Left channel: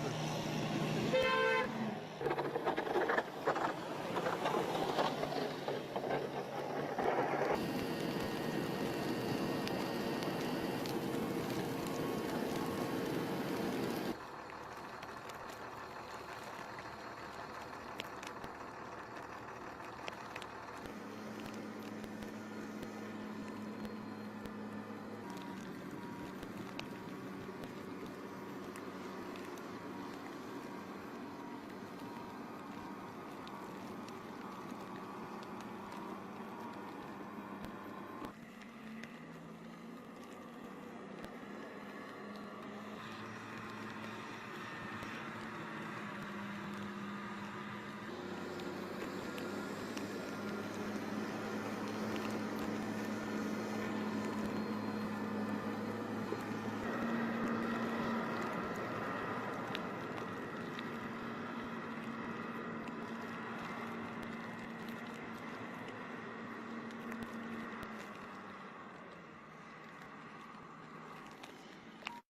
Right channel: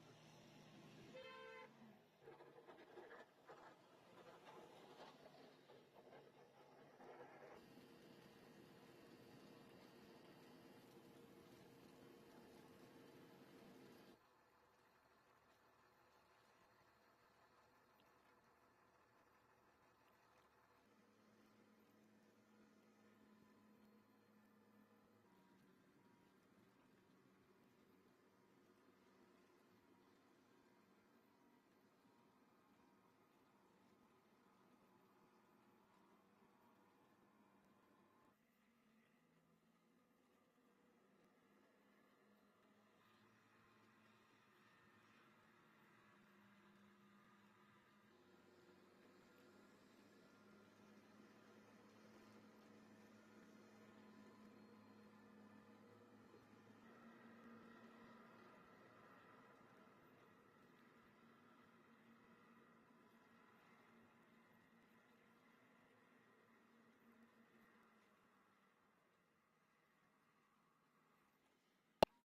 smoother.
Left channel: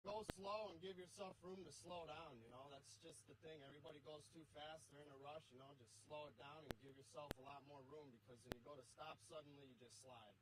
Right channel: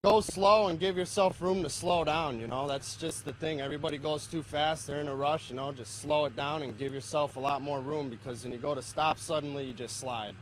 Go slow and give yourself room to slow down, you know, that's just the thing. Everybody goes too fast, they're in a rush, you know, just slow it down and give yourself a lot more room, because when you go to stop suddenly, you just slide.